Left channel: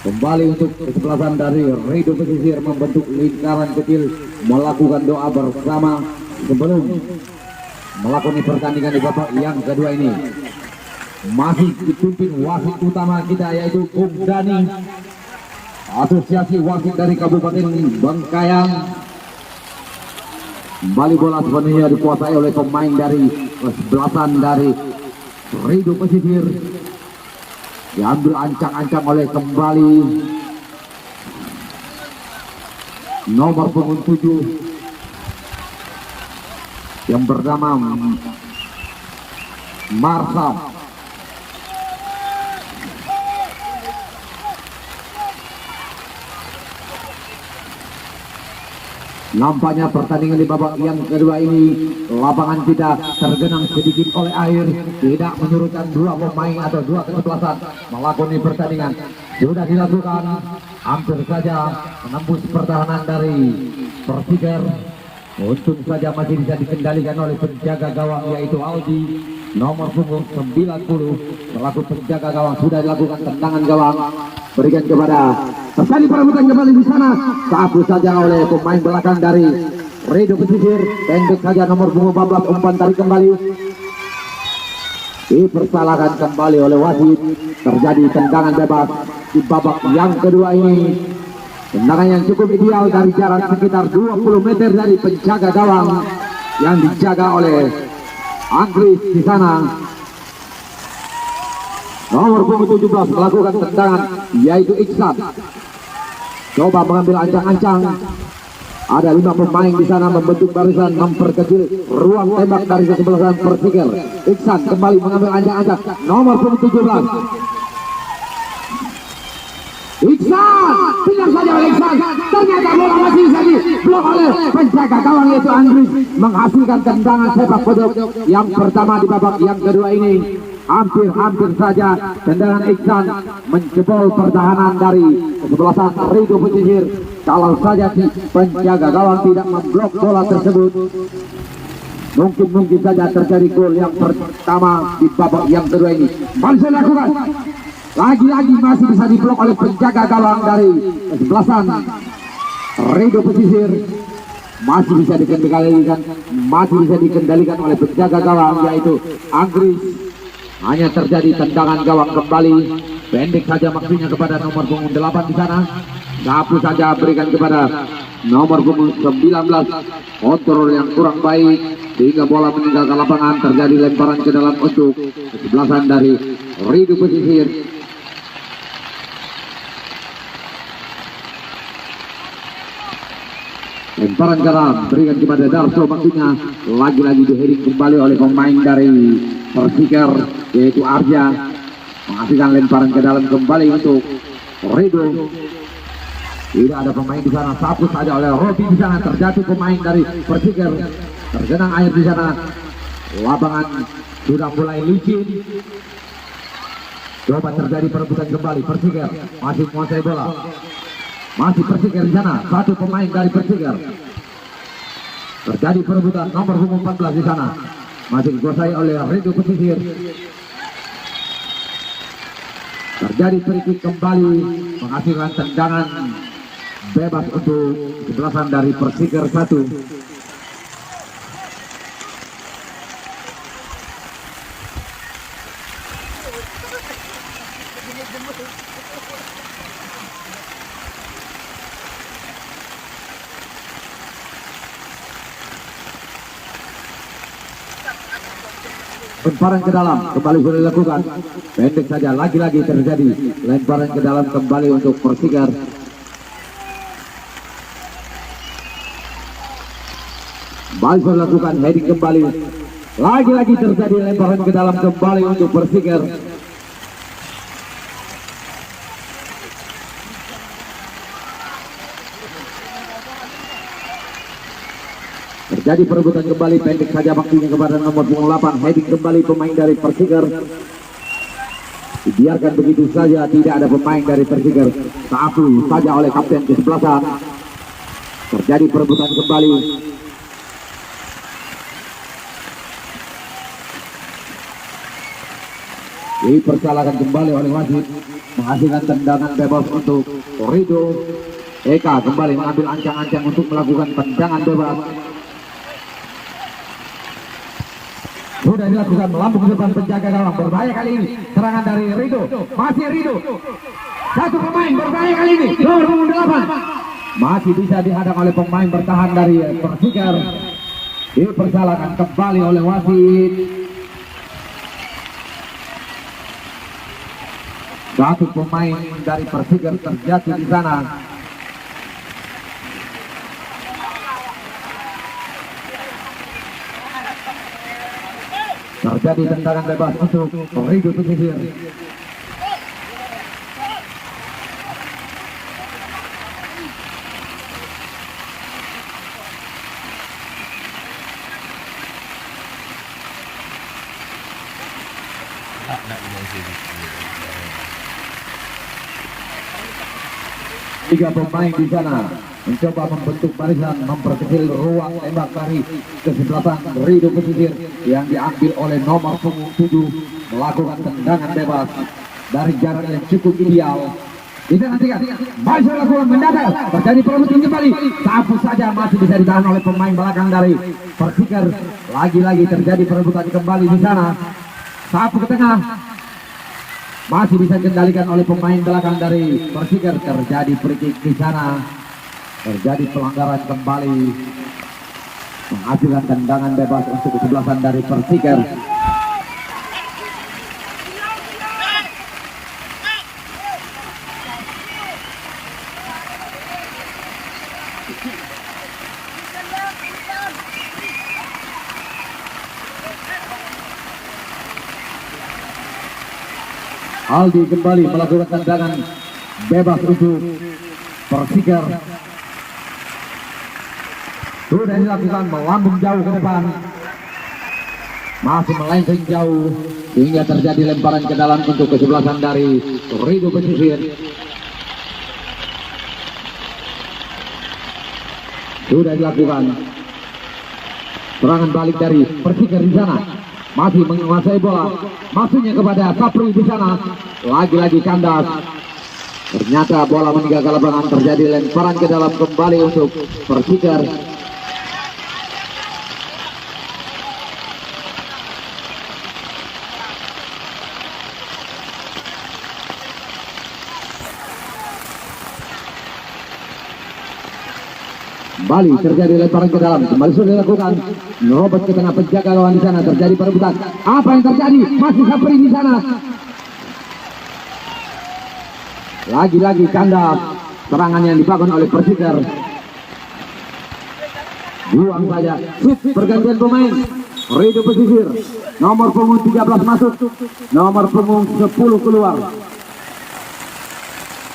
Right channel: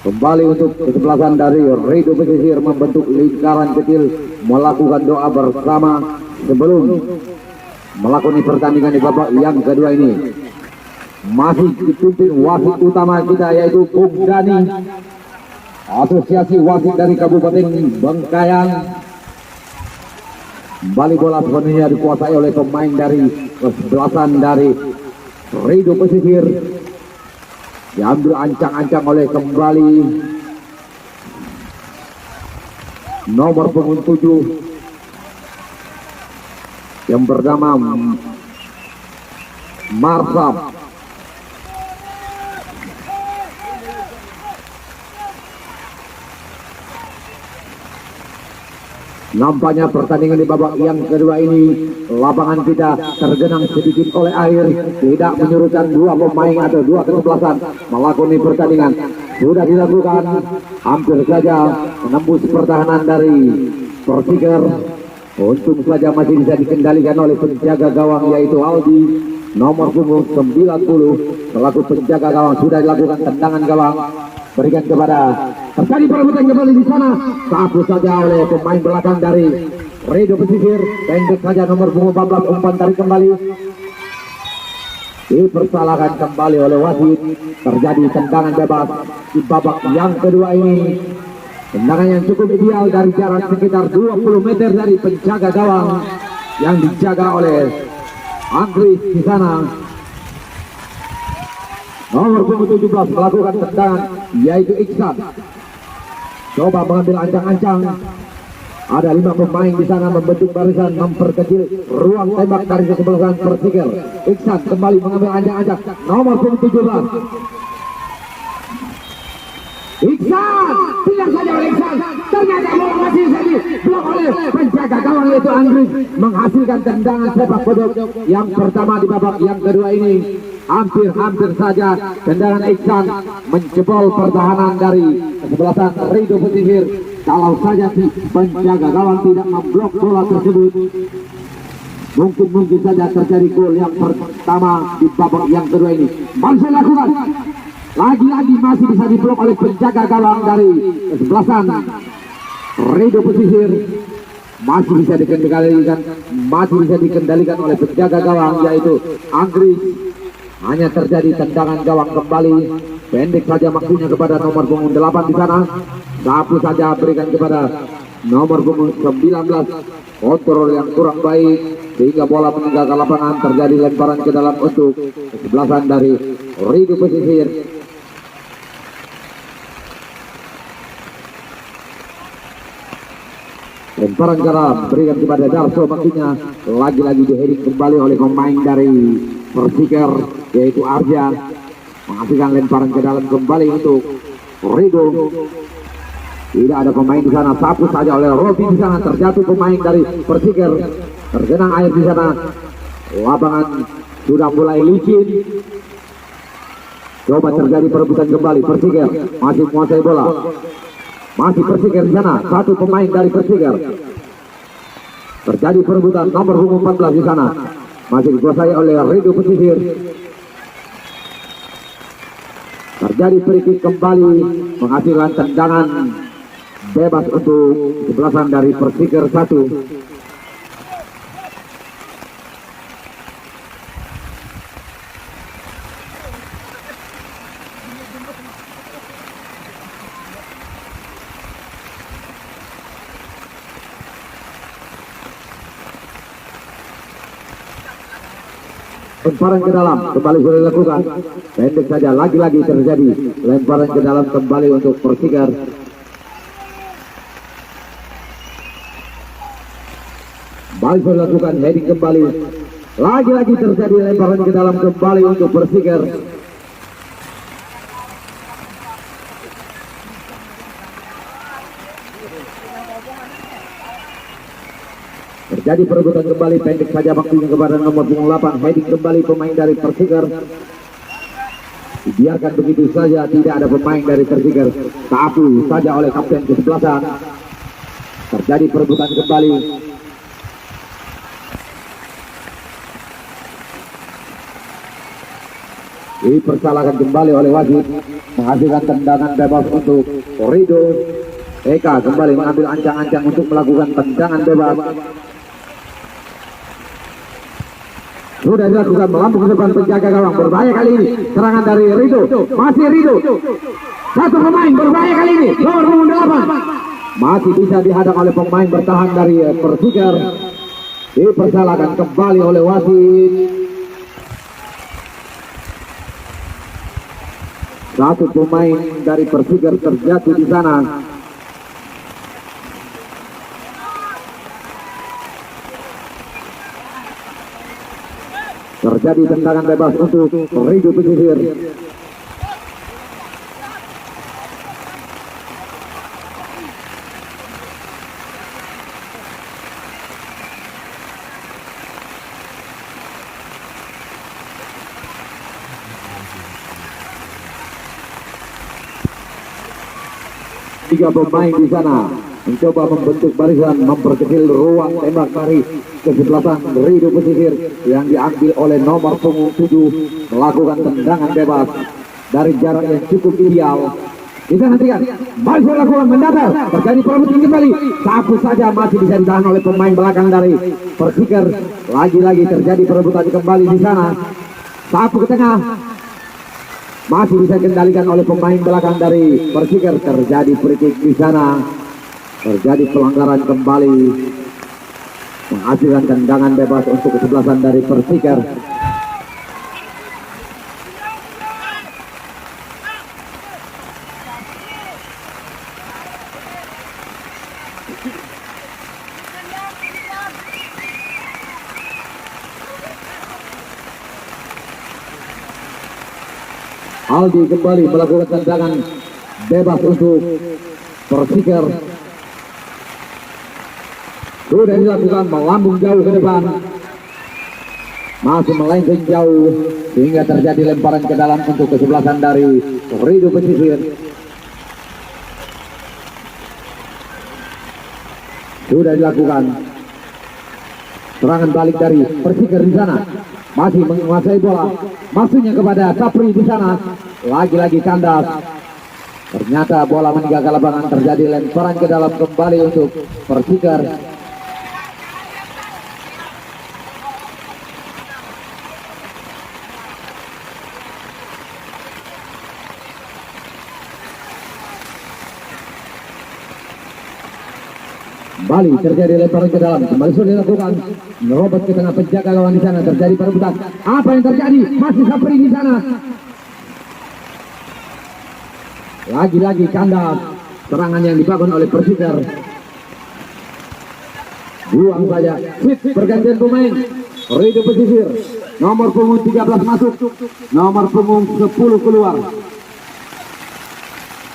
Kembali untuk kesebelasan dari Rido Pesisir membentuk lingkaran kecil melakukan doa bersama sebelum melakoni pertandingan di babak yang kedua ini. Masih dipimpin wasit utama kita yaitu Bung Dani, Asosiasi Wasit dari Kabupaten Bengkayang. Kembali bola sepenuhnya dikuasai oleh pemain dari kesebelasan dari Rido Pesisir. Diambil ancang-ancang oleh kembali nomor punggung 7 yang bernama Marsam. Nampaknya pertandingan di babak yang kedua ini lapangan kita tergenang sedikit oleh air, tidak menyurutkan dua pemain atau dua kesebelasan melakoni pertandingan. Sudah dilakukan, hampir saja menembus pertahanan dari Persiker. Untung saja masih bisa dikendalikan oleh penjaga gawang yaitu Aldi, nomor punggung 90 selaku penjaga gawang. Sudah dilakukan tendangan gawang, berikan kepada terjadi perebutan kembali di sana. Sapu saja oleh pemain belakang dari Rido Pesisir, pendek saja nomor punggung 14 umpan tarik kembali. Dipersalahkan kembali oleh wasit. Terjadi tendangan bebas di babak yang kedua ini. Tendangan yang cukup ideal dari jarak sekitar 20 meter dari penjaga gawang yang dijaga oleh Anggris di sana. Nomor punggung 17 melakukan tendangan yaitu Iksan. Coba mengambil ancang-ancang. Ada 5 pemain di sana membentuk barisan memperkecil ruang tembak dari kesebelasan Persiker. Iksan kembali mengambil ancang-ancang. Nomor punggung 17. Iksan, tidak saja oleh Iksan. Ternyata bola masih saja blok oleh penjaga gawang yaitu Anggris, menghasilkan tendangan sepak beduk yang pertama di babak yang kedua ini. Hampir saja tendangan Iksan menjebol pertahanan dari kesebelasan Rido Pesisir. Kalau saja si penjaga gawang tidak memblok bola tersebut, mungkin saja terjadi gol yang pertama di babak yang kedua ini. Masih lakukan, lagi-lagi masih bisa diblok oleh penjaga gawang dari kesebelasan Rido Pesisir. Masih bisa dikendalikan oleh penjaga gawang yaitu Anggris. Hanya terjadi tendangan gawang kembali, pendek saja maksudnya kepada nomor punggung 8 di sana. Sapu saja berikan kepada nomor punggung 19. Kontrol yang kurang baik sehingga bola meninggalkan lapangan. Terjadi lemparan ke dalam untuk kesebelasan dari Rido Pesisir. Lemparan ke dalam berikan kepada Darso, maksudnya lagi-lagi diheading kembali oleh pemain dari Persiker yaitu Arja, menghasilkan lemparan ke dalam kembali untuk Rido. Tidak ada pemain di sana, sapu saja oleh Robi di sana. Terjatuh pemain dari Persiker, tergenang air di sana. Lapangan sudah mulai licin. Coba terjadi perebutan kembali. Persiker masih menguasai bola. Masih Persiker di sana, satu pemain dari Persiker. Terjadi perebutan nomor punggung 14 di sana. Masih dikuasai oleh Rido Pesisir. Terjadi free kick kembali, menghasilkan tendangan bebas untuk kesebelasan dari Persiker 1. Lemparan ke dalam kembali sudah dilakukan, pendek saja, lagi-lagi terjadi lemparan ke dalam kembali untuk Persiker. Kembali sudah dilakukan heading kembali, lagi-lagi terjadi lemparan ke dalam kembali untuk Persiker. Terjadi perebutan kembali, pendek saja waktunya kepada nomor punggung 8, heading kembali pemain dari Persiker. Dibiarkan begitu saja, tidak ada pemain dari Persiker. Sapu saja oleh kapten kesebelasan. Terjadi perebutan kembali. Dipersalahkan kembali oleh wasit, menghasilkan tendangan bebas untuk Rido. Eka kembali mengambil ancang-ancang untuk melakukan tendangan bebas. Sudah dilakukan melambung ke depan penjaga gawang, berbahaya kali ini. Serangan dari Rido, masih Rido. Satu pemain berbahaya kali ini, nomor 8. Masih bisa dihadang oleh pemain bertahan dari Persikir. Dipersalahkan kembali oleh wasit. Satu pemain dari Persikir terjatuh di sana. Terjadi tendangan bebas untuk Rido Pesisir. Tiga pemain di sana mencoba membentuk barisan, memperkecil ruang tembak dari kesebelasan Rido Pesisir yang diambil oleh nomor punggung 7 melakukan tendangan bebas dari jarak yang cukup ideal. Bisa nantikan masih lakukan mendadak, terjadi perebutan kembali, sapu saja masih bisa ditahan oleh pemain belakang dari Persikir. Lagi-lagi terjadi perebutan kembali di sana, sapu ke tengah, masih bisa dikendalikan oleh pemain belakang dari Persikir. Terjadi free kick di sana, terjadi pelanggaran kembali, menghasilkan tendangan bebas untuk kesebelasan dari Persikir. Aldi kembali melakukan tendangan bebas untuk Persikir. Sudah dilakukan melambung jauh ke depan, masih melenceng jauh sehingga terjadi lemparan ke dalam untuk kesebelasan dari Rido Pesisir. Sudah dilakukan serangan balik dari Persikir di sana, masih menguasai bola, maksudnya kepada Sapri di sana. Lagi-lagi kandas, ternyata bola meninggalkan lapangan. Terjadi lemparan ke dalam kembali untuk Persikir. Kembali terjadi lemparan ke dalam, kembali sudah dilakukan, merobot ke tengah penjaga lawan di sana. Terjadi perebutan, apa yang terjadi? Masih Sapri di sana. Lagi-lagi kandas, serangan yang dibangun oleh Persikir. Buang saja, pergantian pemain. Rido Pesisir, nomor punggung 13 masuk, nomor punggung 10 keluar.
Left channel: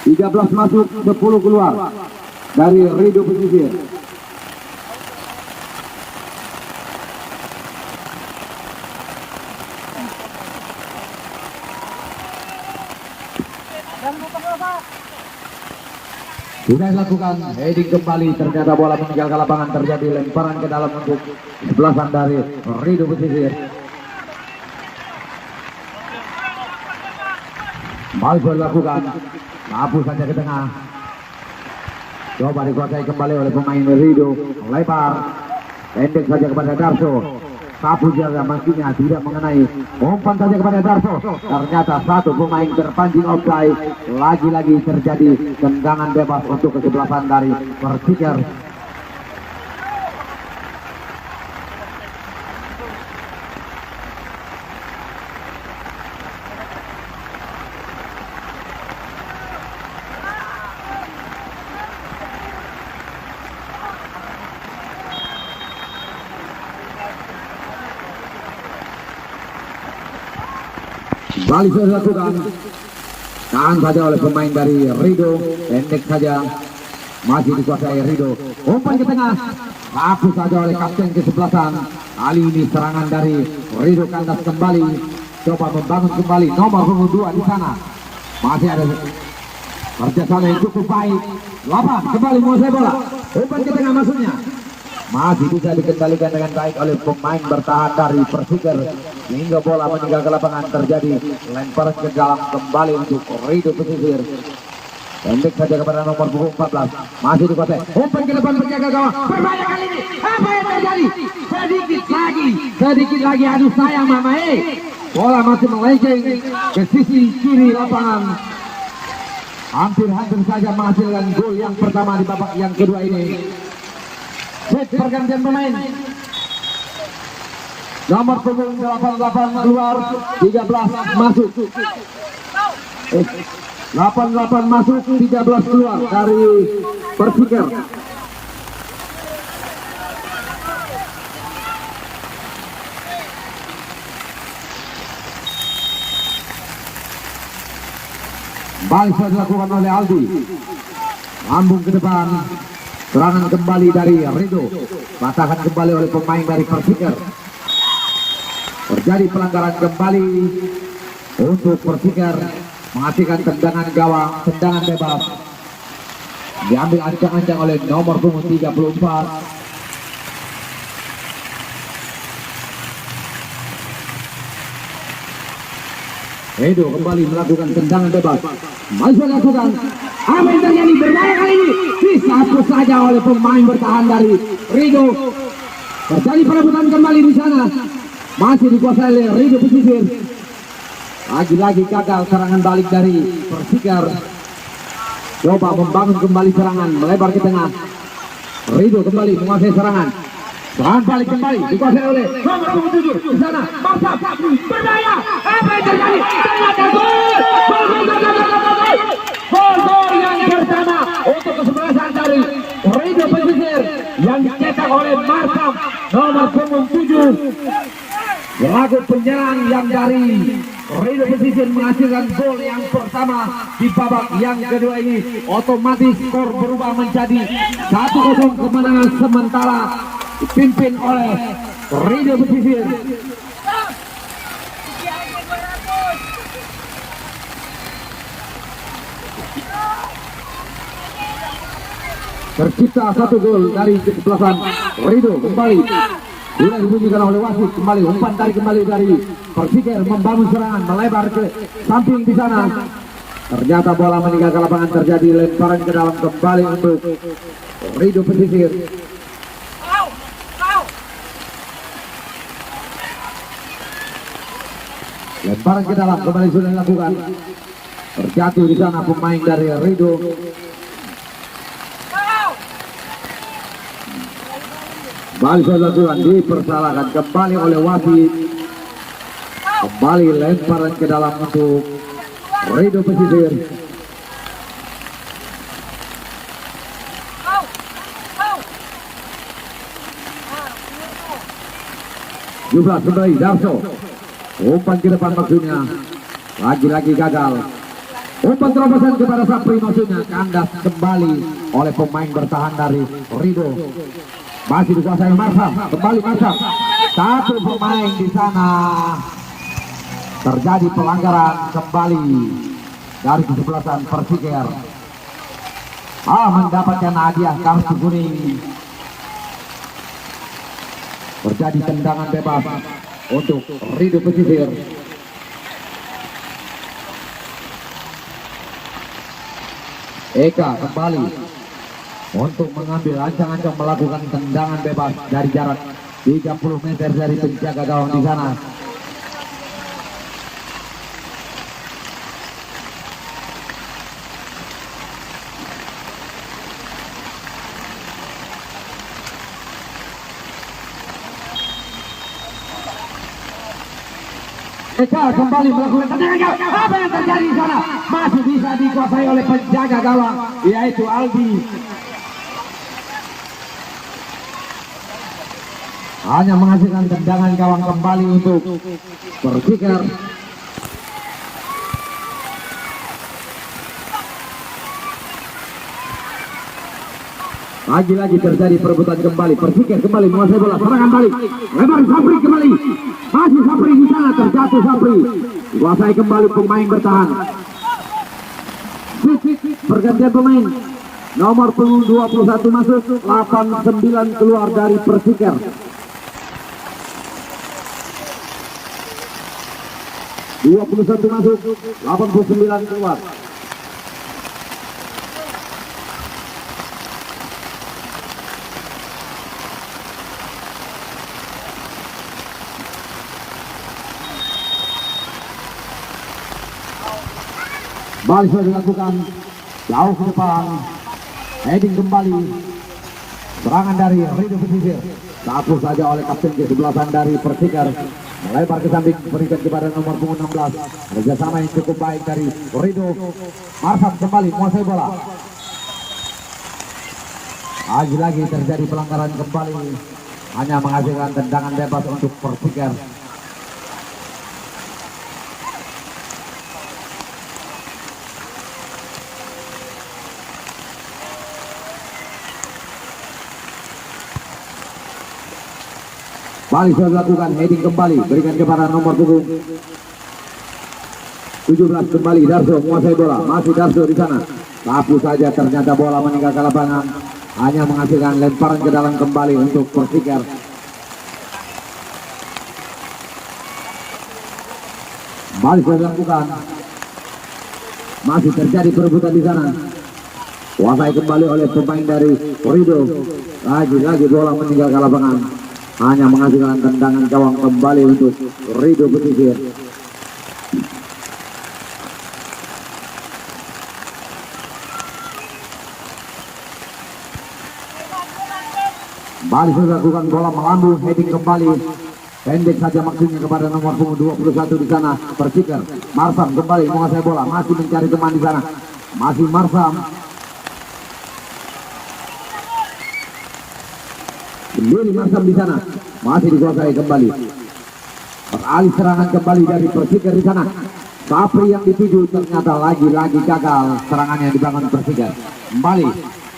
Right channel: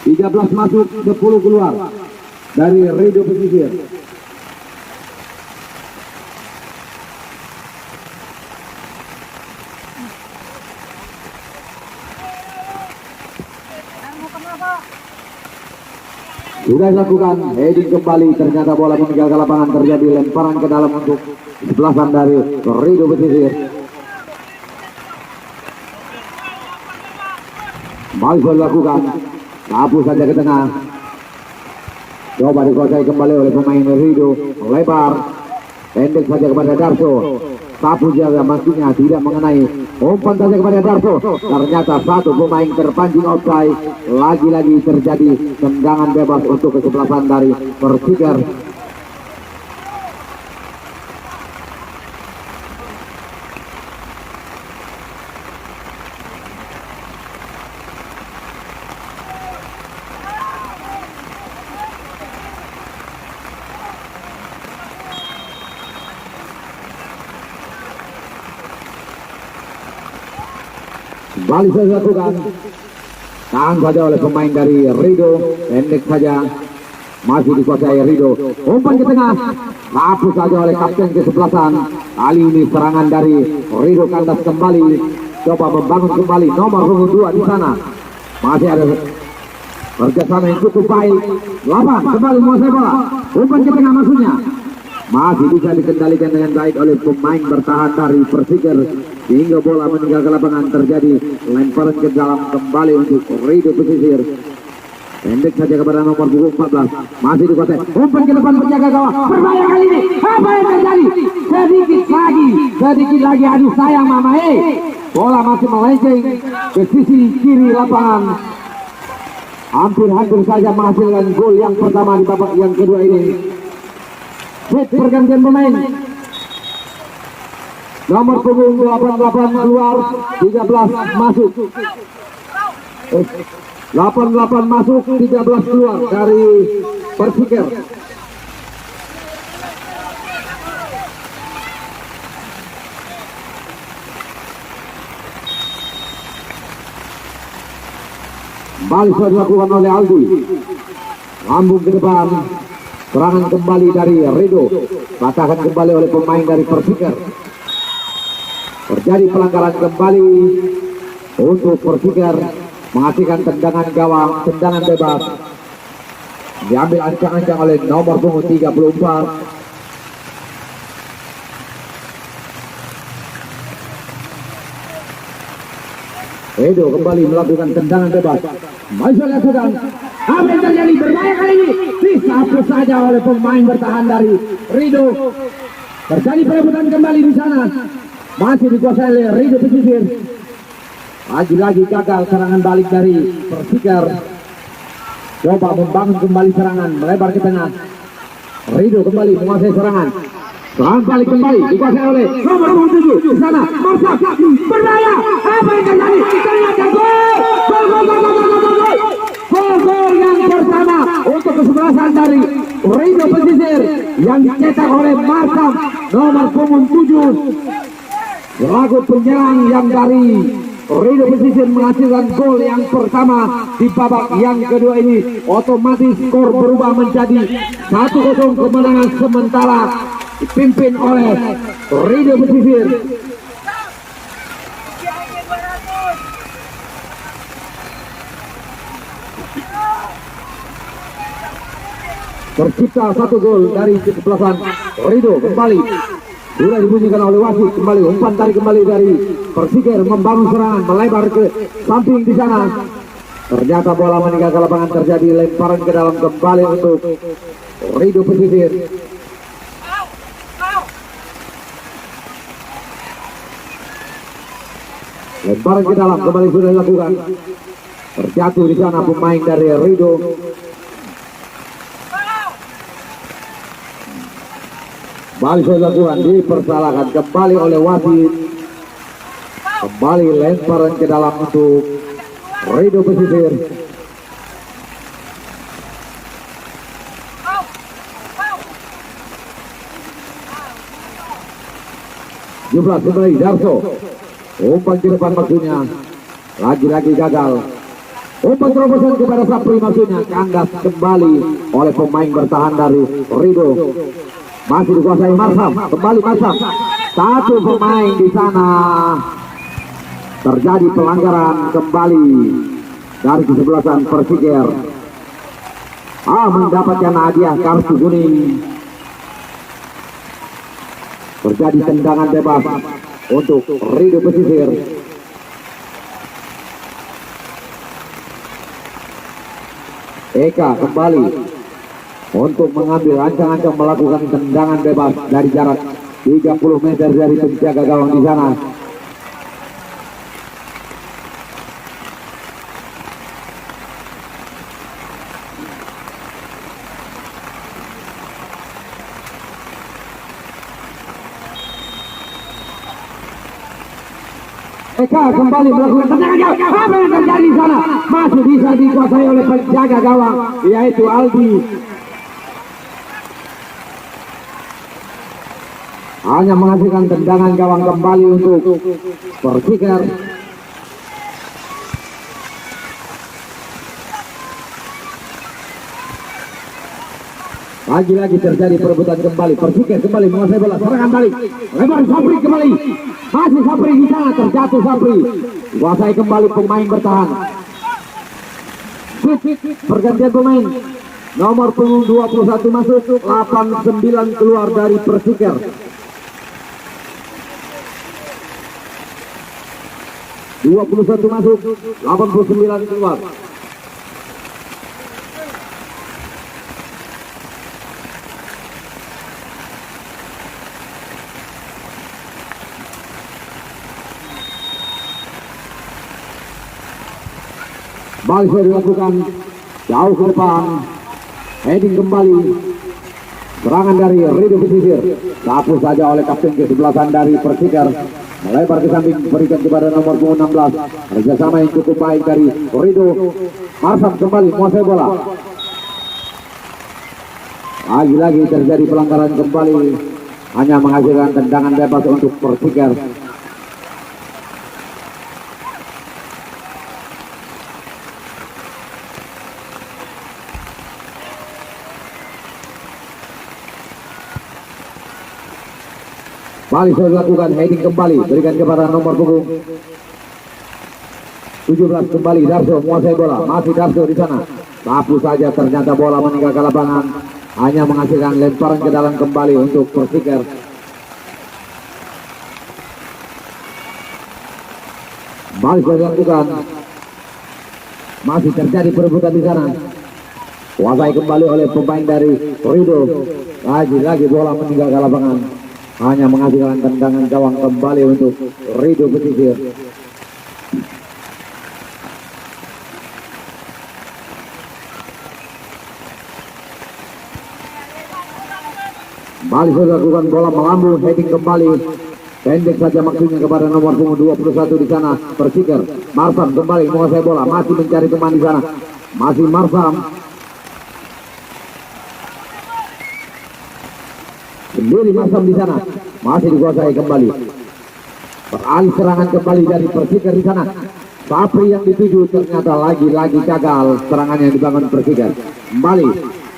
13 masuk, 10 keluar dari Rido Pesisir. Sudah dilakukan heading kembali, ternyata bola meninggalkan lapangan. Terjadi lemparan ke dalam untuk sebelasan dari Rido Pesisir. Kembali sudah dilakukan, sapu saja ke tengah, coba dikuasai kembali oleh pemain Rido. Lebar, pendek saja kepada Darso. Sapu jaga maksudnya tidak mengenai, umpan saja kepada Darso. Ternyata satu pemain terpancing offside. Lagi-lagi terjadi tendangan bebas untuk kesebelasan dari Persikir. Kembali sudah dilakukan, tahan saja oleh pemain dari Rido, pendek saja, masih dikuasai Rido. Umpan ke tengah, sapu saja oleh kapten kesebelasan. Kali ini serangan dari Rido kandas kembali, coba membangun kembali nomor punggung 2 di sana. Masih ada kerjasama yang cukup baik. 8 kembali menguasai bola, umpan ke tengah maksudnya, masih bisa dikendalikan dengan baik oleh pemain bertahan dari Persikir. hingga bola meninggalkan lapangan. Terjadi lemparan ke dalam kembali untuk Rido Pesisir. Pendek saja kepada nomor punggung 14. Masih dikuasai. Umpan ke depan penjaga gawang. Berbahaya kali ini. Apa yang terjadi? Sedikit lagi. Aduh sayang Mama. Bola masih melenceng ke sisi kiri lapangan. Hampir saja menghasilkan gol yang pertama di babak yang kedua ini. Set pergantian pemain. Nomor punggung 88 keluar, 13 masuk. 88 masuk, 13 keluar dari Persikir. Balik dilakukan oleh Aldi. Lambung ke depan. Serangan kembali dari Rido. Patahkan kembali oleh pemain dari Persikir. Terjadi pelanggaran kembali untuk Persikir. Menghasilkan tendangan gawang, tendangan bebas. Diambil ancang-ancang oleh nomor punggung 34. Edo kembali melakukan tendangan bebas. Masih lakukan. Apa yang terjadi? Berbahaya kali ini. Disatu saja oleh pemain bertahan dari Rido. Terjadi perebutan kembali di sana. Masih dikuasai oleh Rido Pesisir. Lagi-lagi gagal serangan balik dari Persikir. Coba membangun kembali serangan, melebar ke tengah. Rido kembali menguasai serangan. Serangan balik kembali dikuasai oleh nomor 7 di sana. Marsa berbahaya. Apa yang terjadi? Ternyata gol. Gol yang pertama untuk kesebelasan dari Rido Pesisir yang dicetak oleh Marsa nomor punggung 7. Lagu penyerang yang dari Rido Pesisir menghasilkan gol yang pertama di babak yang kedua ini. Otomatis skor berubah menjadi 1-0 kemenangan sementara dipimpin oleh Rido Pesisir. Tercipta 1 gol dari kesebelasan Rido. Kembali sudah dibunyikan oleh wasit. Kembali umpan kembali dari Persikir membangun serangan, melebar ke samping di sana. Ternyata bola meninggalkan lapangan. Terjadi lemparan ke dalam kembali untuk Rido Pesisir. Lemparan ke dalam kembali sudah dilakukan. Terjatuh di sana pemain dari Rido. Balik dilakukan, dipersalahkan kembali oleh wasit. Kembali lemparan ke dalam untuk Rido Pesisir. Jumlah kembali Darso. Umpan ke depan maksudnya. Lagi-lagi gagal. Umpan terobosan kepada Sapri maksudnya. Kandas kembali oleh pemain bertahan dari Rido. Masih dikuasai Marsam. Kembali Marsam. Satu pemain di sana. Terjadi pelanggaran kembali dari kesebelasan Persikir. Mendapatkan hadiah kartu kuning. Terjadi tendangan bebas untuk Rido Pesisir. Eka kembali untuk mengambil ancang-ancang melakukan tendangan bebas dari jarak 30 meter dari penjaga gawang di sana. Eka kembali melakukan tendangan jauh. Apa yang terjadi di sana? Masih bisa dikuasai oleh penjaga gawang, yaitu Aldi. Hanya menghasilkan tendangan gawang kembali untuk Persikir. Lagi-lagi terjadi perebutan kembali. Persikir kembali menguasai bola. Serangan balik. Lebar Sapri kembali. Masih Sapri di sana. Terjatuh Sapri. Kuasai kembali pemain bertahan. Pergantian pemain. Nomor punggung 21 masuk. 89 keluar dari Persikir. 21 masuk, 89 keluar. Balik sudah dilakukan jauh ke depan, heading kembali, serangan dari Rido Pesisir, sapu saja oleh kapten kesebelasan dari Persikar, melebar ke samping, berikan kepada nomor 16, kerjasama yang cukup baik dari Rido. Marsan kembali menguasai bola, lagi-lagi terjadi pelanggaran kembali, hanya menghasilkan tendangan bebas untuk Persikar. Balik sudah dilakukan, heading kembali, berikan kepada nomor punggung 17 kembali, Darso menguasai bola, masih Darso di sana, sapu saja, ternyata bola meninggalkan lapangan, hanya menghasilkan lemparan ke dalam kembali untuk Persikar. Balik sudah dilakukan, masih terjadi perebutan di sana, kuasai kembali oleh pemain dari Rido, lagi-lagi bola meninggalkan lapangan, hanya menghasilkan tendangan gawang kembali untuk Rido Pesisir. Balik sudah dilakukan, bola melambung, heading kembali, pendek saja maksudnya kepada nomor punggung 21 di sana, Persikar. Marsam kembali menguasai bola, masih mencari teman di sana, masih Marsam. Sendiri Marsam di sana, masih dikuasai kembali. Beralih serangan kembali dari Persikar di sana. Sapri yang dituju ternyata lagi-lagi gagal serangannya dibangun Persikar. Kembali,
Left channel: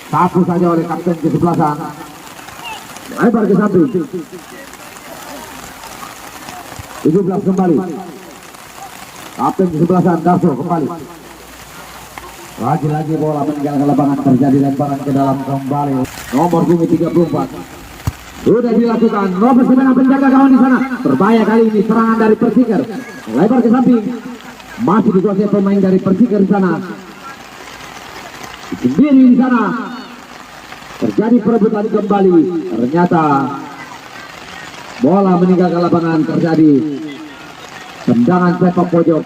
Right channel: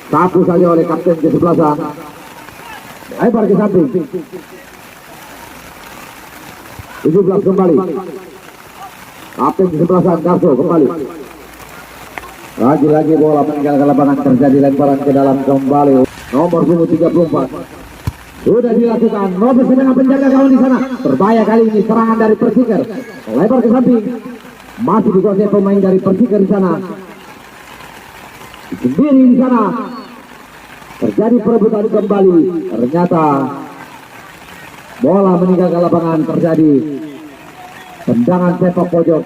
sapu saja oleh kapten kesebelasan. Lebar ke samping. 17 kembali. Kapten kesebelasan Darso kembali. Lagi-lagi bola meninggalkan lapangan, terjadi lemparan ke dalam kembali. Nomor 34. Sudah dilakukan, Robert sedang penjaga kawan di sana. Berbahaya kali ini serangan dari Persikar. Lebar ke samping. Masih dikuasai pemain dari Persikar di sana. Sendiri di sana. Terjadi perebutan kembali. Ternyata bola meninggalkan lapangan, terjadi tendangan sepak pojok.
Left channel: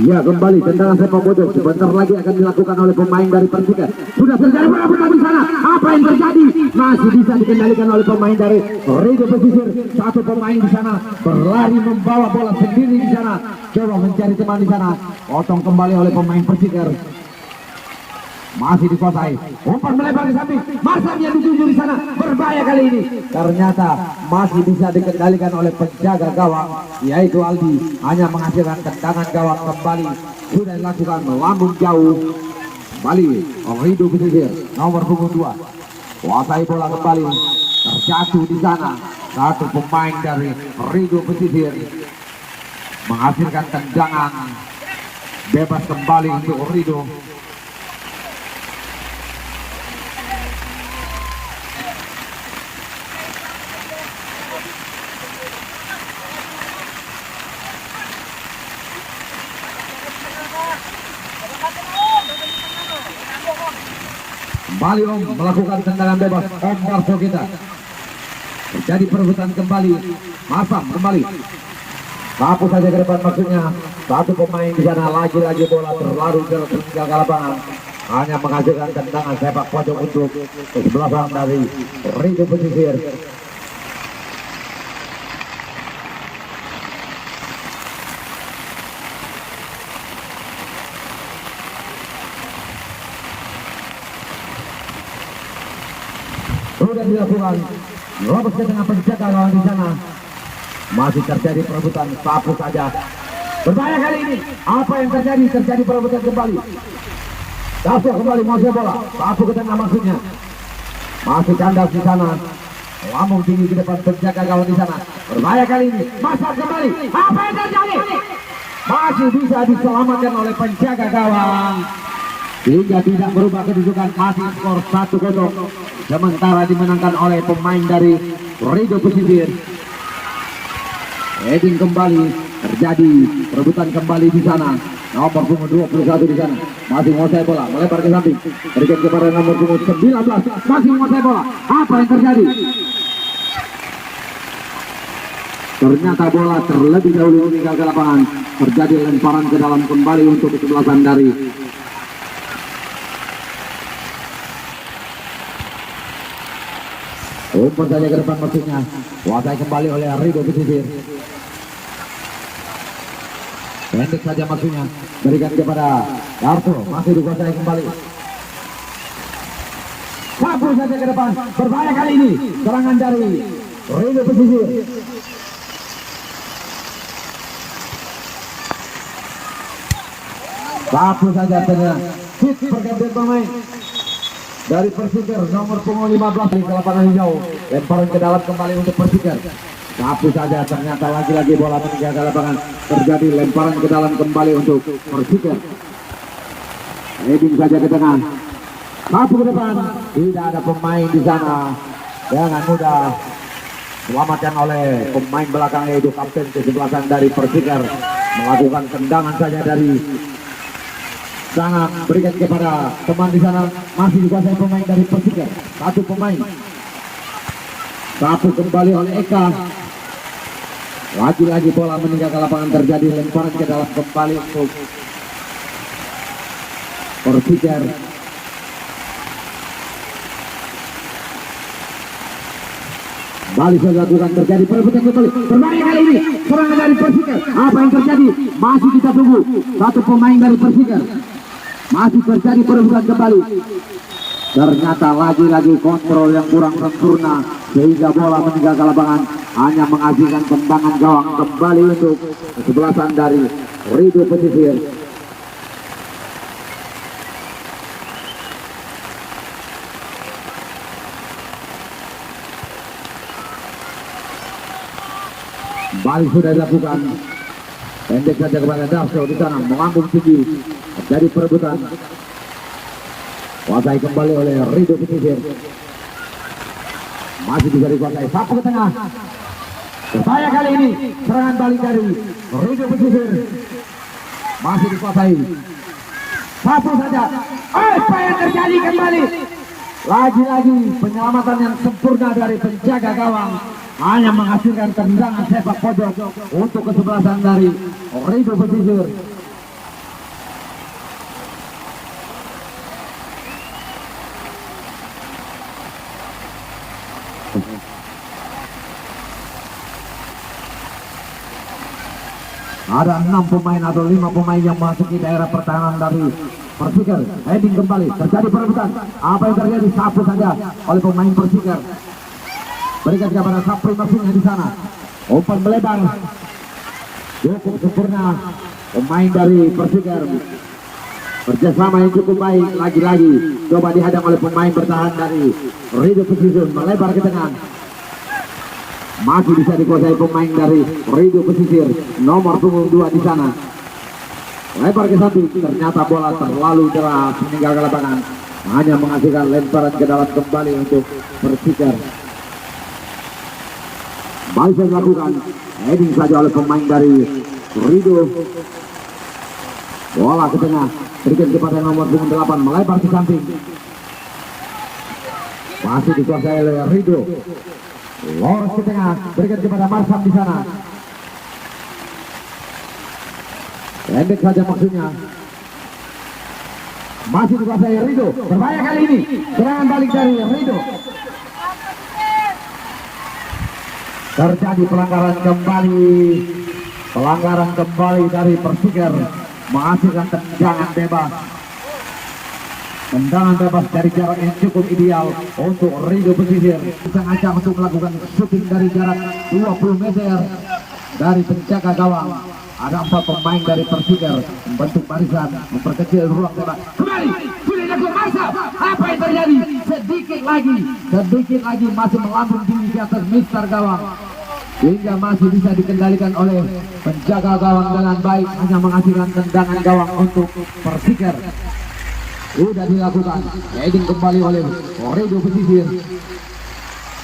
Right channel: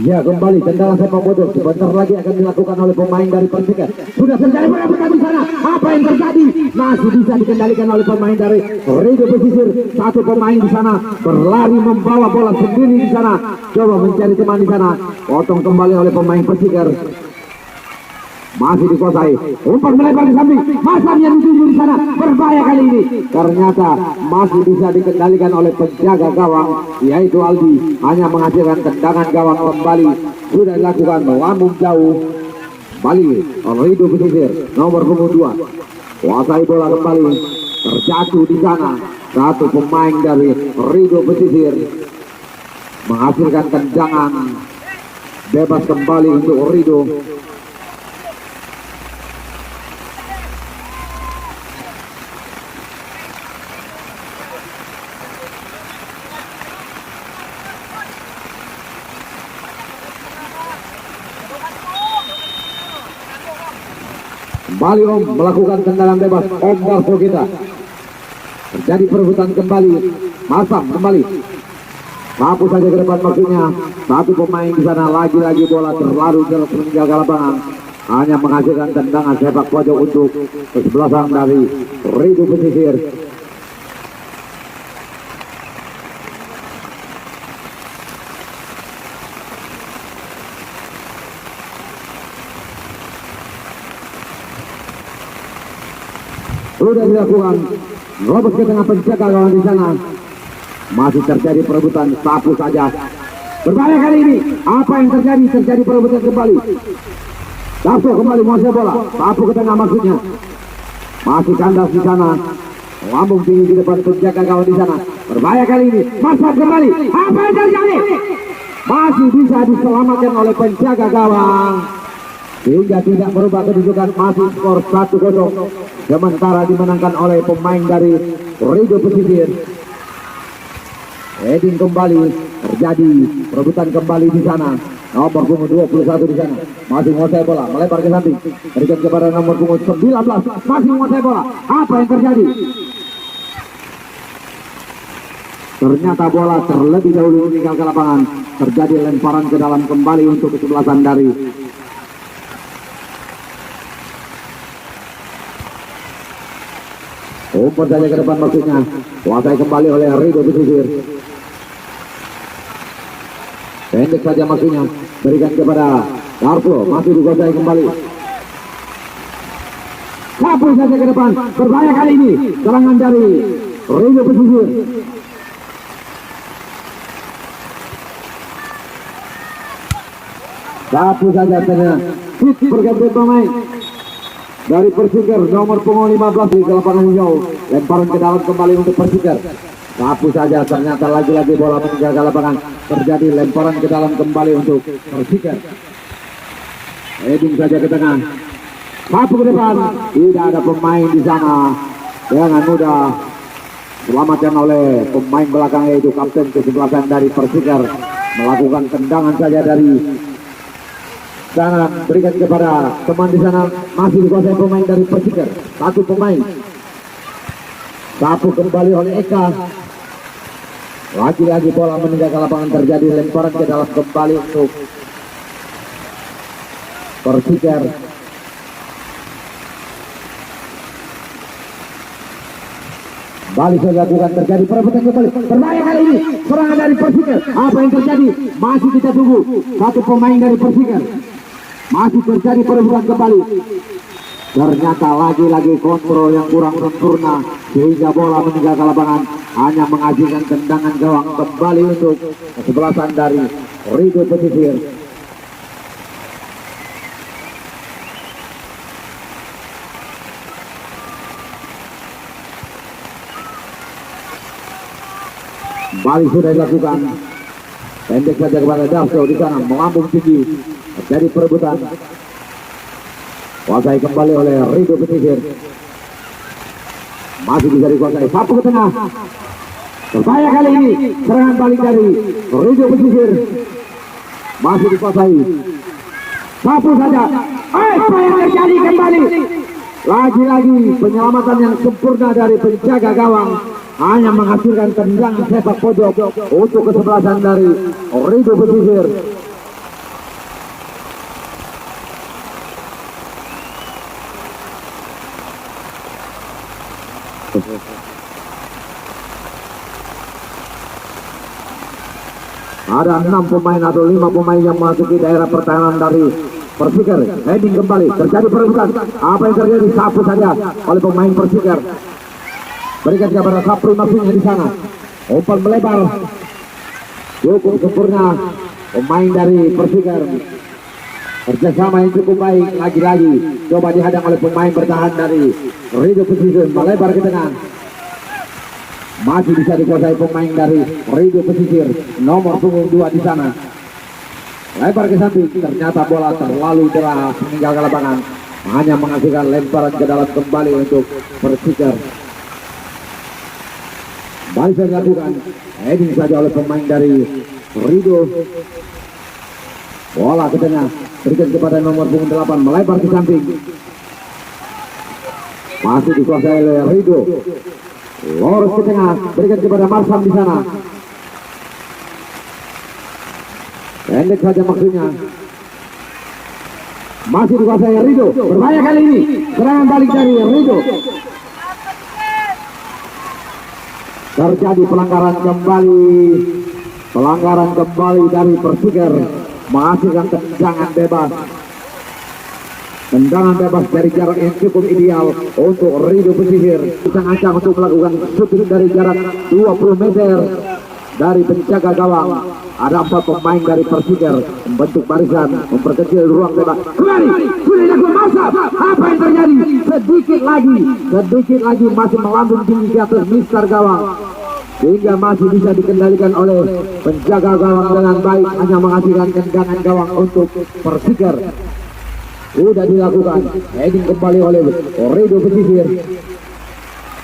Ya, kembali tendangan sepak pojok sebentar lagi akan dilakukan oleh pemain dari Persikar. Sudah terjadi perebutan di sana. Apa yang terjadi? Masih bisa dikendalikan oleh pemain dari Rido Pesisir. Satu pemain di sana berlari membawa bola sendiri di sana. Coba mencari teman di sana. Potong kembali oleh pemain Persikar. Masih dikuasai. Umpan melebar di samping. Marsam yang dituju di sana. Berbahaya kali ini. Ternyata masih bisa dikendalikan oleh penjaga gawang, yaitu Aldi. Hanya menghasilkan tendangan gawang kembali. Sudah dilakukan melambung jauh. Kembali Rido Pesisir. Nomor punggung 2. Kuasai bola kembali. Terjatuh di sana. Satu pemain dari Rido Pesisir menghasilkan tendangan bebas kembali untuk Rido. Kembali Om melakukan tendangan bebas, Om Darso kita. Terjadi perebutan kembali. Masam kembali. Sapu saja ke depan maksudnya. Satu pemain di sana, lagi-lagi bola terlalu jelas meninggalkan lapangan. Hanya menghasilkan tendangan sepak pojok untuk kesebelasan dari Rido Pesisir. Sudah dilakukan, Robert ke tengah penjaga gawang di sana. Masih terjadi perebutan, sapu saja. Berbahaya kali ini. Apa yang terjadi? Terjadi perebutan kembali. Darso kembali menguasai bola. Sapu ke tengah maksudnya. Masih kandas di sana. Lambung tinggi di depan penjaga gawang di sana. Berbahaya kali ini. Masuk kembali. Apa yang terjadi? Masih bisa diselamatkan oleh penjaga gawang. Hingga tidak merubah kedudukan, masih skor 1-0. Sementara dimenangkan oleh pemain dari Rido Pesisir. Heading kembali terjadi, perebutan kembali di sana. Nomor punggung 21 di sana masih menguasai bola, melebar ke samping, berikan kepada nomor punggung 19, masih menguasai bola. Apa yang terjadi? Ternyata bola terlebih dahulu meninggal ke lapangan. Terjadi lemparan ke dalam kembali untuk kesebelasan dari umpan saja ke depan maksudnya. Kuasai kembali oleh Rido Pesisir. Pendek saja maksudnya, berikan kepada Darso, masih dikuasai kembali. Sapu saja ke depan, berbahaya kali ini. Serangan dari Rido Pesisir. Sapu saja saja. Hit berganti pemain dari Persikir, nomor punggung 15 di lapangan hijau. Lemparan ke dalam kembali untuk Persikir. Sapu saja, ternyata lagi-lagi bola meninggalkan lapangan. Terjadi lemparan ke dalam kembali untuk Persikir. Heading saja ke tengah. Sapu ke depan. Tidak ada pemain di sana. Dengan mudah selamatkan oleh pemain belakang, yaitu kapten kesebelasan dari Persikir. Melakukan tendangan saja dari sana, berikan kepada teman di sana, masih dikuasai pemain dari Persikir. Satu pemain. Sapu kembali oleh Eka. Lagi-lagi bola meninggalkan lapangan, terjadi lemparan ke dalam kembali untuk Persikir. Kembali saya lakukan, terjadi perebutan kembali. Berbahaya kali ini, serangan dari Persikir. Apa yang terjadi? Masih kita tunggu. Satu pemain dari Persikir. Masih terjadi perebutan kembali. Ternyata lagi-lagi kontrol yang kurang sempurna, sehingga bola meninggalkan lapangan, hanya menghasilkan tendangan gawang kembali untuk kesebelasan dari Rido Pesisir. Kembali sudah dilakukan. Pendek saja kepada Darso di sana, melambung tinggi. Terjadi perebutan. Kuasai kembali oleh Rido Pesisir. Masih bisa dikuasai. Sapu ke tengah. Berbahaya kali ini. Serangan balik dari Rido Pesisir. Masih dikuasai. Sapu saja. Apa yang terjadi kembali? Lagi-lagi penyelamatan yang sempurna dari penjaga gawang, hanya menghasilkan tendangan sepak pojok untuk kesebelasan dari Rido Pesisir. Ada 6 pemain atau 5 pemain yang memasuki daerah pertahanan dari Persikir. Heading kembali, terjadi perebutan. Apa yang terjadi? Sapu saja oleh pemain Persikir. Berikan kepada Sapri maksudnya di sana. Umpan melebar. Cukup sempurna pemain dari Persikir. Kerjasama yang cukup baik. Lagi-lagi coba dihadang oleh pemain bertahan dari Rido Pesisir. Melebar ke tengah. Masih bisa dikuasai pemain dari Rido Pesisir, nomor punggung 2 di sana. Lebar ke samping, ternyata bola terlalu deras meninggalkan lapangan, hanya menghasilkan lemparan ke dalam kembali untuk Persikir. Baik saya lakukan, heading saja oleh pemain dari Rido. Bola ke tengah, berikan kepada nomor punggung 8, melebar ke samping. Masih dikuasai oleh Rido. Lurus ke tengah, berikan kepada Marsam di sana. Pendek saja maksudnya. Masih dikuasai Rido. Berbahaya kali ini. Serangan balik dari Rido. Terjadi pelanggaran kembali. Pelanggaran kembali dari Persikir. Menghasilkan tendangan bebas. Tendangan bebas dari jarak yang cukup ideal untuk Rido Pesisir. Kita ajak untuk melakukan shooting dari jarak 20 meter dari penjaga gawang. Ada 4 pemain dari Persikar membentuk barisan, memperkecil ruang tembak. Kembali, sudah dilakukan masa. Apa yang terjadi? Sedikit lagi masih melambung tinggi ke atas Mister Gawang, hingga masih bisa dikendalikan oleh penjaga gawang dengan baik, hanya menghasilkan tendangan gawang untuk Persikar. Sudah dilakukan heading kembali oleh Redo Pesisir.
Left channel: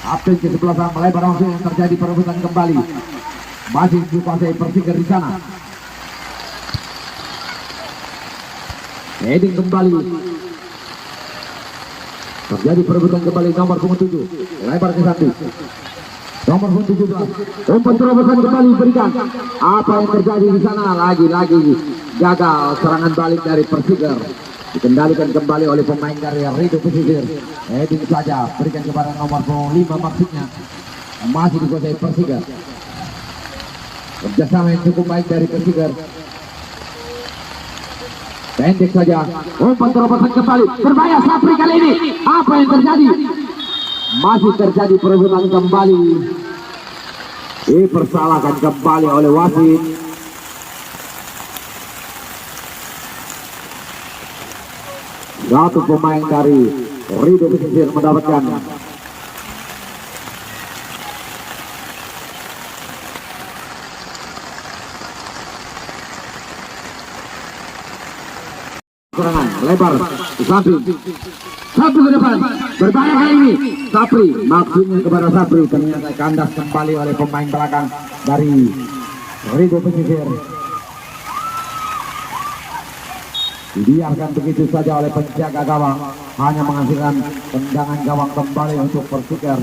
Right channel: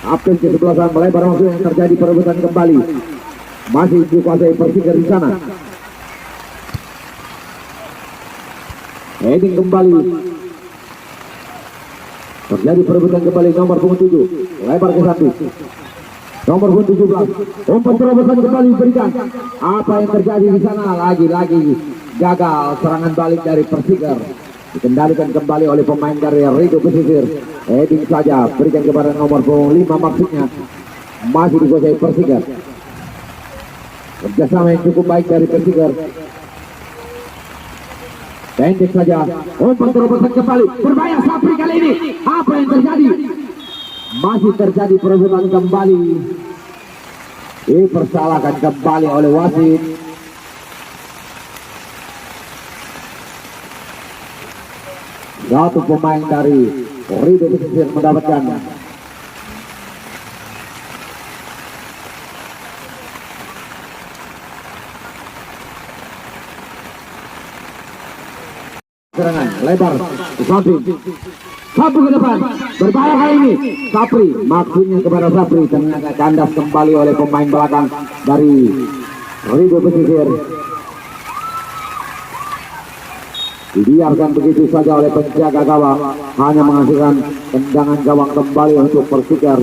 Kapten ke-11 melebar langsung, terjadi perebutan kembali. Masih dikuasai Persikar di sana. Heading kembali. Terjadi perebutan kembali nomor punggung 7. Lebar ke samping. Nomor punggung 17. Umpan terobosan kembali diberikan. Apa yang terjadi di sana? Lagi-lagi gagal serangan balik dari Persikar. Dikendalikan kembali oleh pemain dari Redo Pesisir. Heading saja, berikan kepada nomor punggung 5 maksudnya. Masih dikuasai Persikar. Kerjasama yang cukup baik dari Persikar. Pendek saja, umpan terobosan kembali. Berbahaya Sapri kali ini. Apa yang terjadi? Masih terjadi perebutan kembali. Dipersalahkan kembali oleh wasit. Satu pemain dari Redo Pesisir mendapatkan serangan lebar ke samping, satu ke depan, berbahaya kali ini. Sapri, maksudnya kepada Sapri, ternyata kandas kembali oleh pemain belakang dari Redo Pesisir. Dibiarkan begitu saja oleh penjaga gawang, hanya menghasilkan tendangan gawang kembali untuk Persikar.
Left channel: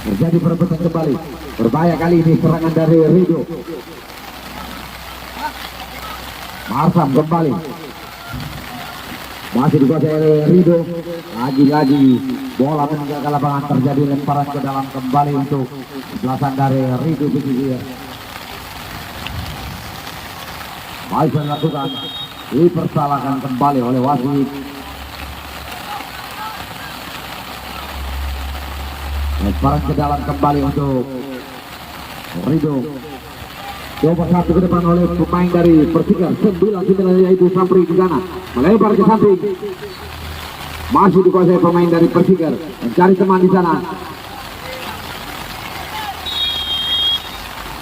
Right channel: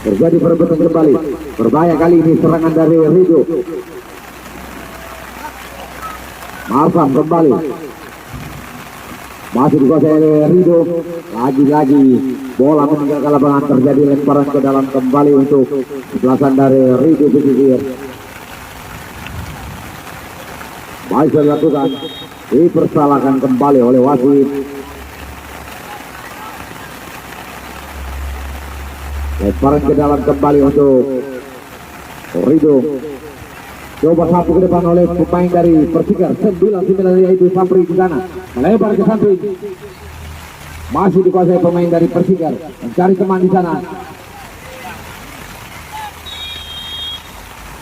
Terjadi perebutan kembali. Berbahaya kali ini serangan dari Redo. Masam kembali. Masih dikuasai oleh Redo. Lagi-lagi bola meninggalkan lapangan, terjadi lemparan ke dalam kembali untuk belasan dari Redo Pesisir. Baik dilakukan. Dipersalahkan kembali oleh wasit. Lemparan ke dalam kembali untuk Redo. Coba satu ke depan oleh pemain dari Persikar. 9 yaitu Sapri di sana. Melebar ke samping. Masih dikuasai pemain dari Persikar. Mencari teman di sana.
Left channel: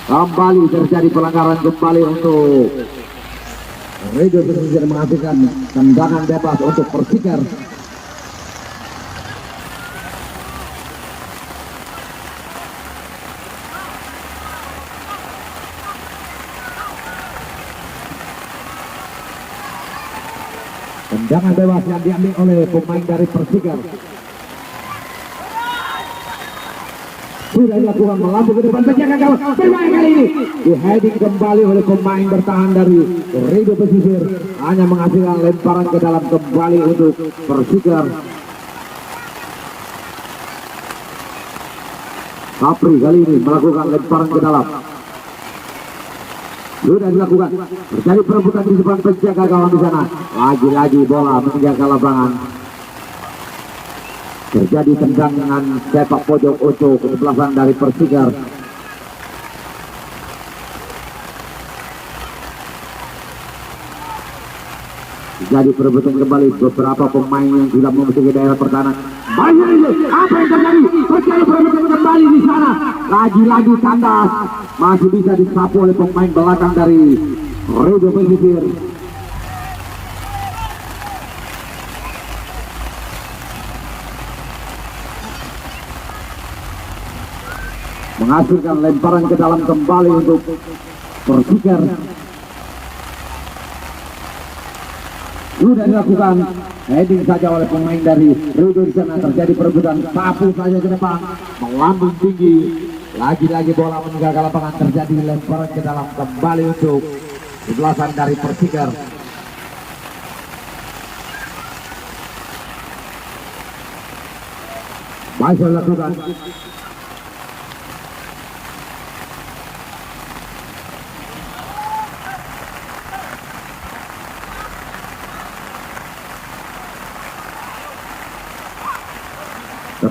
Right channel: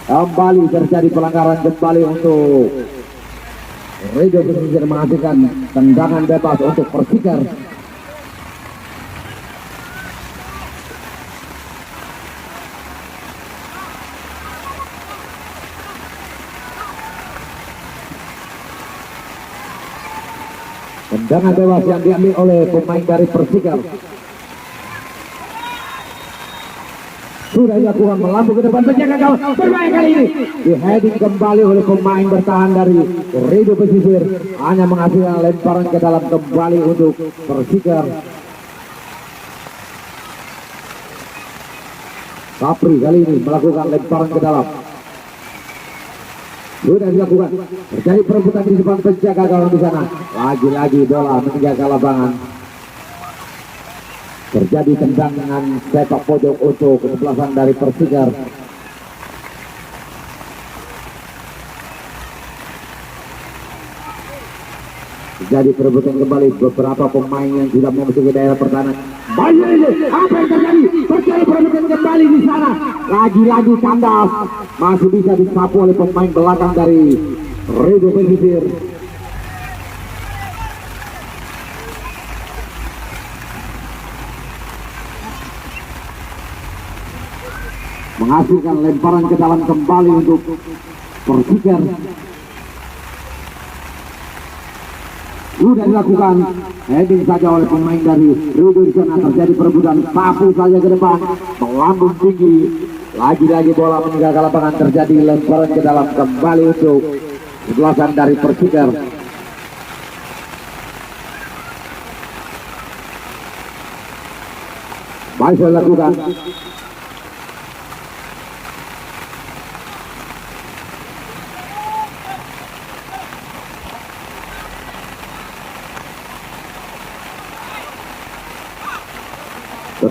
Kembali terjadi pelanggaran kembali untuk Redo Pesisir, menghasilkan tendangan bebas untuk Persikar. Tendangan bebas yang diambil oleh pemain dari Persikar. Sudah dilakukan, melambung ke depan, penjaga gawang. Berbahaya kali ini. Di heading kembali oleh pemain bertahan dari Redo Pesisir. Hanya menghasilkan lemparan ke dalam kembali untuk Persikar. Sapri kali ini melakukan lemparan ke dalam. Sudah dilakukan, terjadi perebutan di depan penjaga gawang di sana. Lagi-lagi bola meninggalkan lapangan. Terjadi tendangan sepak pojok untuk kesebelasan dari Persikar. Terjadi perebutan kembali, beberapa pemain yang sudah memasuki daerah pertahanan. Apa yang terjadi? Terjadi perebutan kembali di sana. Lagi-lagi kandas. Masih bisa disapu oleh pemain belakang dari Redo Pesisir. Menghasilkan lemparan ke dalam kembali untuk Persikar. Sudah dilakukan heading saja oleh pemain dari Redo di sana. Terjadi perebutan, sapu saja ke depan, melambung tinggi. Lagi-lagi bola meninggalkan lapangan, terjadi lemparan ke dalam kembali untuk kesebelasan dari Persikar. Baik dilakukan.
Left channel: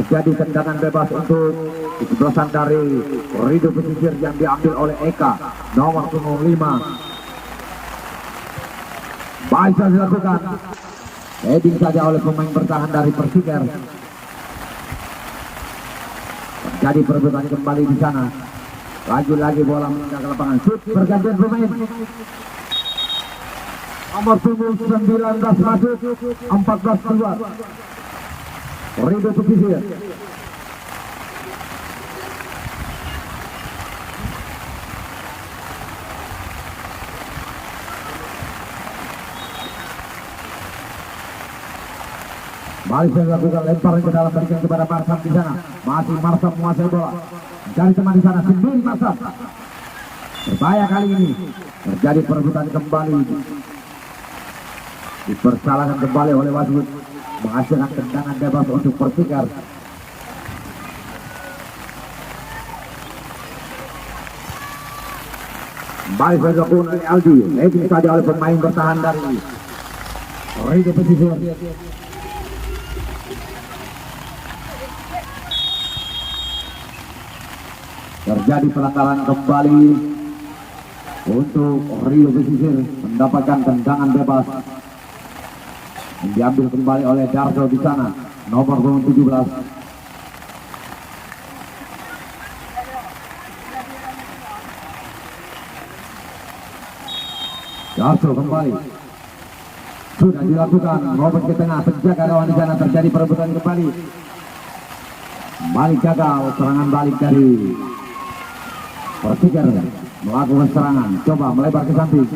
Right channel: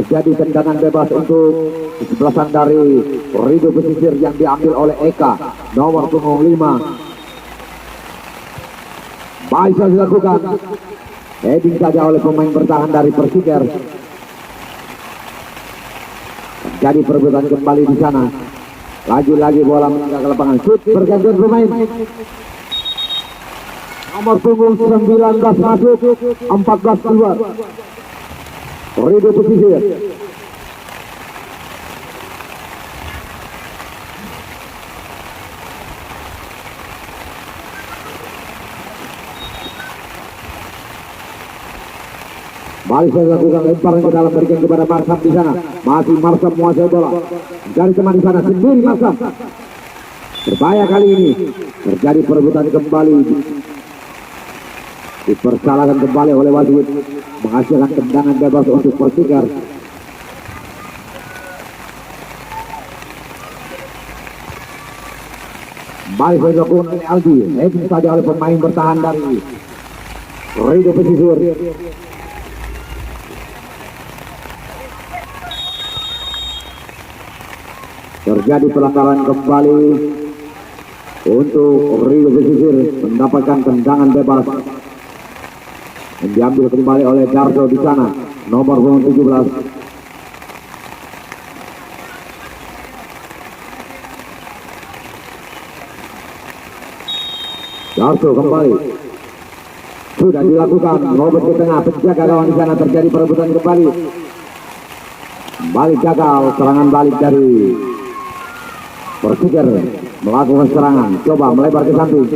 terjadi tendangan bebas untuk kesebelasan dari Rido Pesisir yang diambil oleh Eka nomor punggung 5. Bisa dilakukan heading saja oleh pemain bertahan dari Persikir. Terjadi perebutan kembali di sana. Lagi-lagi bola meninggal ke lapangan. Shoot pergantian pemain. Nomor punggung 19 masuk, 14 keluar. Rido Pesisir. Balik saya lakukan lemparan ke dalam, berikan kepada Marsam di sana. Masih Marsam menguasai bola. Dari teman di sana sendiri Marsam. Berbahaya kali ini. Terjadi perebutan kembali. Dipersalahkan kembali oleh wasit, menghasilkan tendangan bebas untuk Persikir. Balik saya lakukan oleh Aldi. Heading saja oleh pemain bertahan dari Rido Pesisir. Terjadi pelanggaran kembali untuk Rido Pesisir, mendapatkan tendangan bebas yang diambil kembali oleh Darso di sana, nomor 17. Darso kembali, sudah dilakukan Robert ke tengah, penjaga lawan di sana. Terjadi perebutan kembali, balik gagal, serangan balik dari Persikir melakukan serangan, coba melebar ke samping.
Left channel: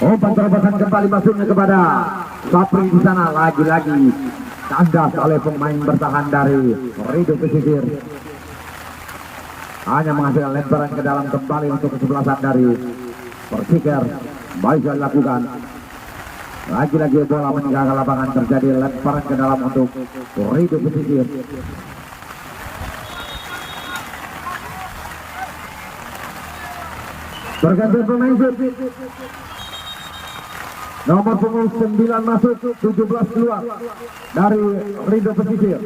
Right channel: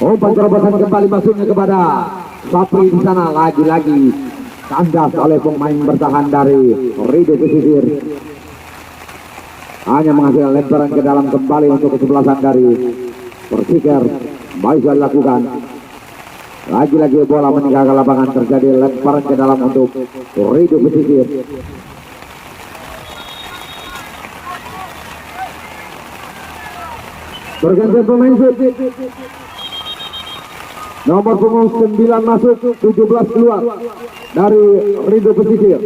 Umpan terobosan kembali masuknya kepada Sapri di sana. Lagi-lagi kandas oleh pemain bertahan dari Rido Pesisir. Hanya menghasilkan lemparan ke dalam kembali untuk kesebelasan dari Persikir. Baik dilakukan. Lagi-lagi bola meninggalkan lapangan. Terjadi lemparan ke dalam untuk Rido Pesisir. Berganti pemain shoot. Nomor punggung 9 masuk, 17 keluar dari Rido Pesisir.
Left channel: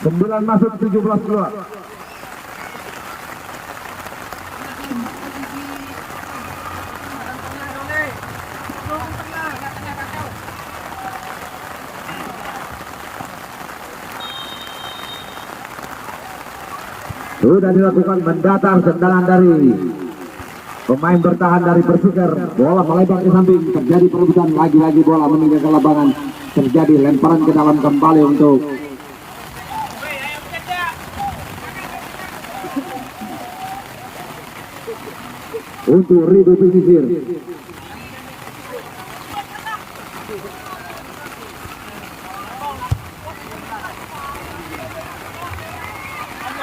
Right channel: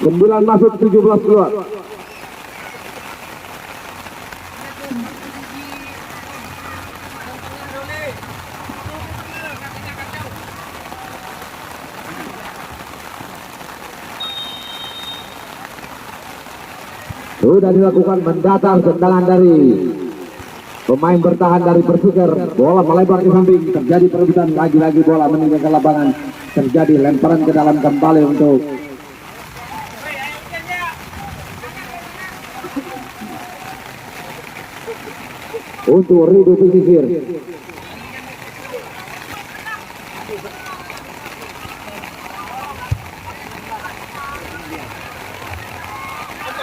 9 masuk, 17 keluar. Sudah dilakukan mendatar tendangan dari pemain bertahan dari Persikir. Bola melebar ke samping. Terjadi perebutan, lagi-lagi bola meninggalkan lapangan. Terjadi lemparan ke dalam kembali untuk Rido Pesisir.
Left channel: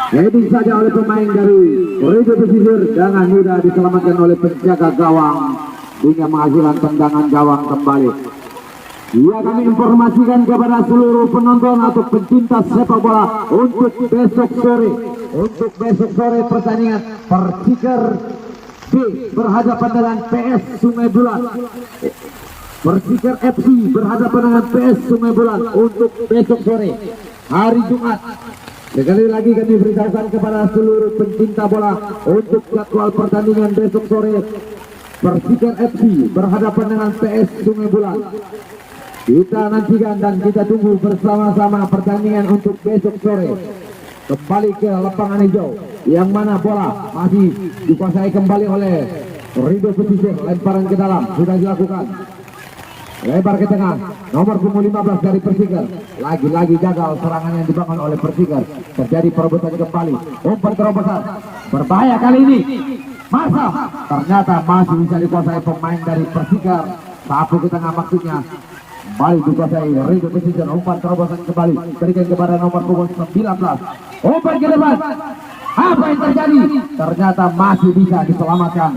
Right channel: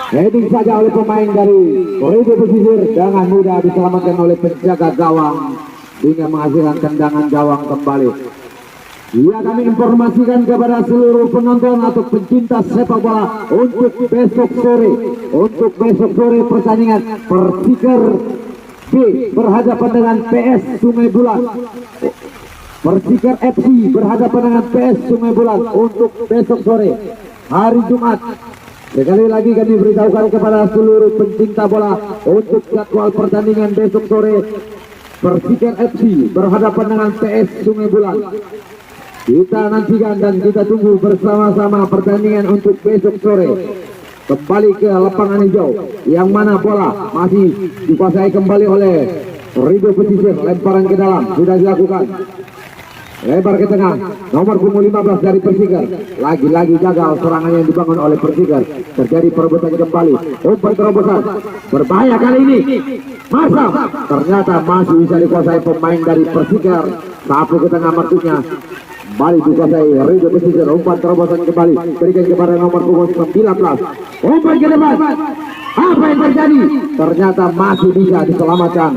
Heading saja oleh pemain dari Rido Pesisir, dengan mudah diselamatkan oleh penjaga gawang hingga menghasilkan tendangan gawang kembali. Ya, kami informasikan kepada seluruh penonton atau pencinta sepak bola untuk besok sore pertandingan Persikir B berhadapan dengan PS Sungai Bulan. Persikir FC berhadapan dengan PS Sungai Bulan untuk besok sore hari Jumat. Sekali lagi kami beritahukan kepada seluruh pencinta bola untuk jadwal pertandingan besok sore. Persikir FC berhadapan dengan PS Sungai Bulan. Kita nantikan dan kita tunggu bersama-sama pertandingan untuk besok sore. Kembali ke lapangan hijau, yang mana bola masih dikuasai kembali oleh Rido Pesisir. Lemparan ke dalam sudah dilakukan. Lebar ke tengah, nomor punggung 15 dari Persikir. Lagi-lagi gagal serangan yang dibangun oleh Persikir. Terjadi perebutan kembali. Umpan terobosan, berbahaya kali ini. Masa ternyata masih bisa dikuasai pemain dari Persikir. Sapu ke tengah maksudnya. Kembali dikuasai Rido Pesisir. Umpan terobosan kembali, berikan kepada nomor punggung 19. Umpan ke depan. Apa yang terjadi? Ternyata masih bisa diselamatkan.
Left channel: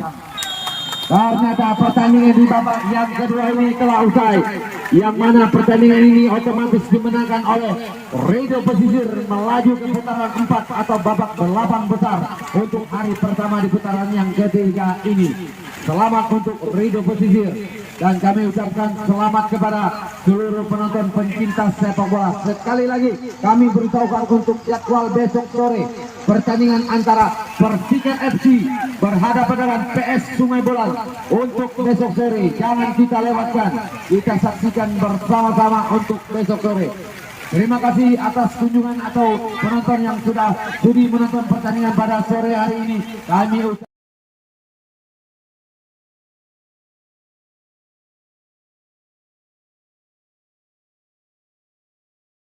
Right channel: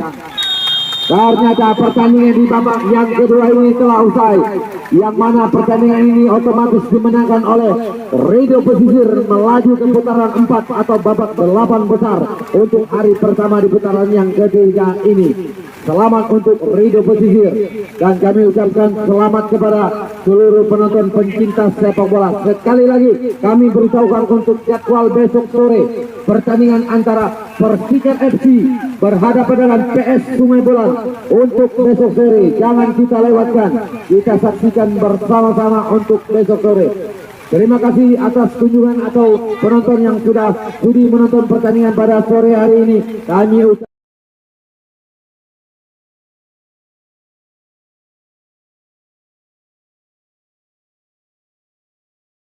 Ternyata pertandingan di babak yang kedua ini telah usai, yang mana pertandingan ini otomatis dimenangkan oleh Rido Pesisir melaju ke putaran 4 atau babak 8 besar untuk hari pertama di putaran yang ketiga ini. selamat untuk Rido Pesisir, dan kami ucapkan selamat kepada seluruh penonton pencinta sepak bola. Sekali lagi kami beritahukan untuk jadwal besok sore pertandingan antara Persika FC berhadapan dengan PS Sungai Bolan. Untuk besok sore jangan kita lewatkan, kita saksikan bersama-sama untuk besok sore. Terima kasih atas kunjungan atau penonton yang sudah sudi menonton pertandingan pada sore hari ini. Kami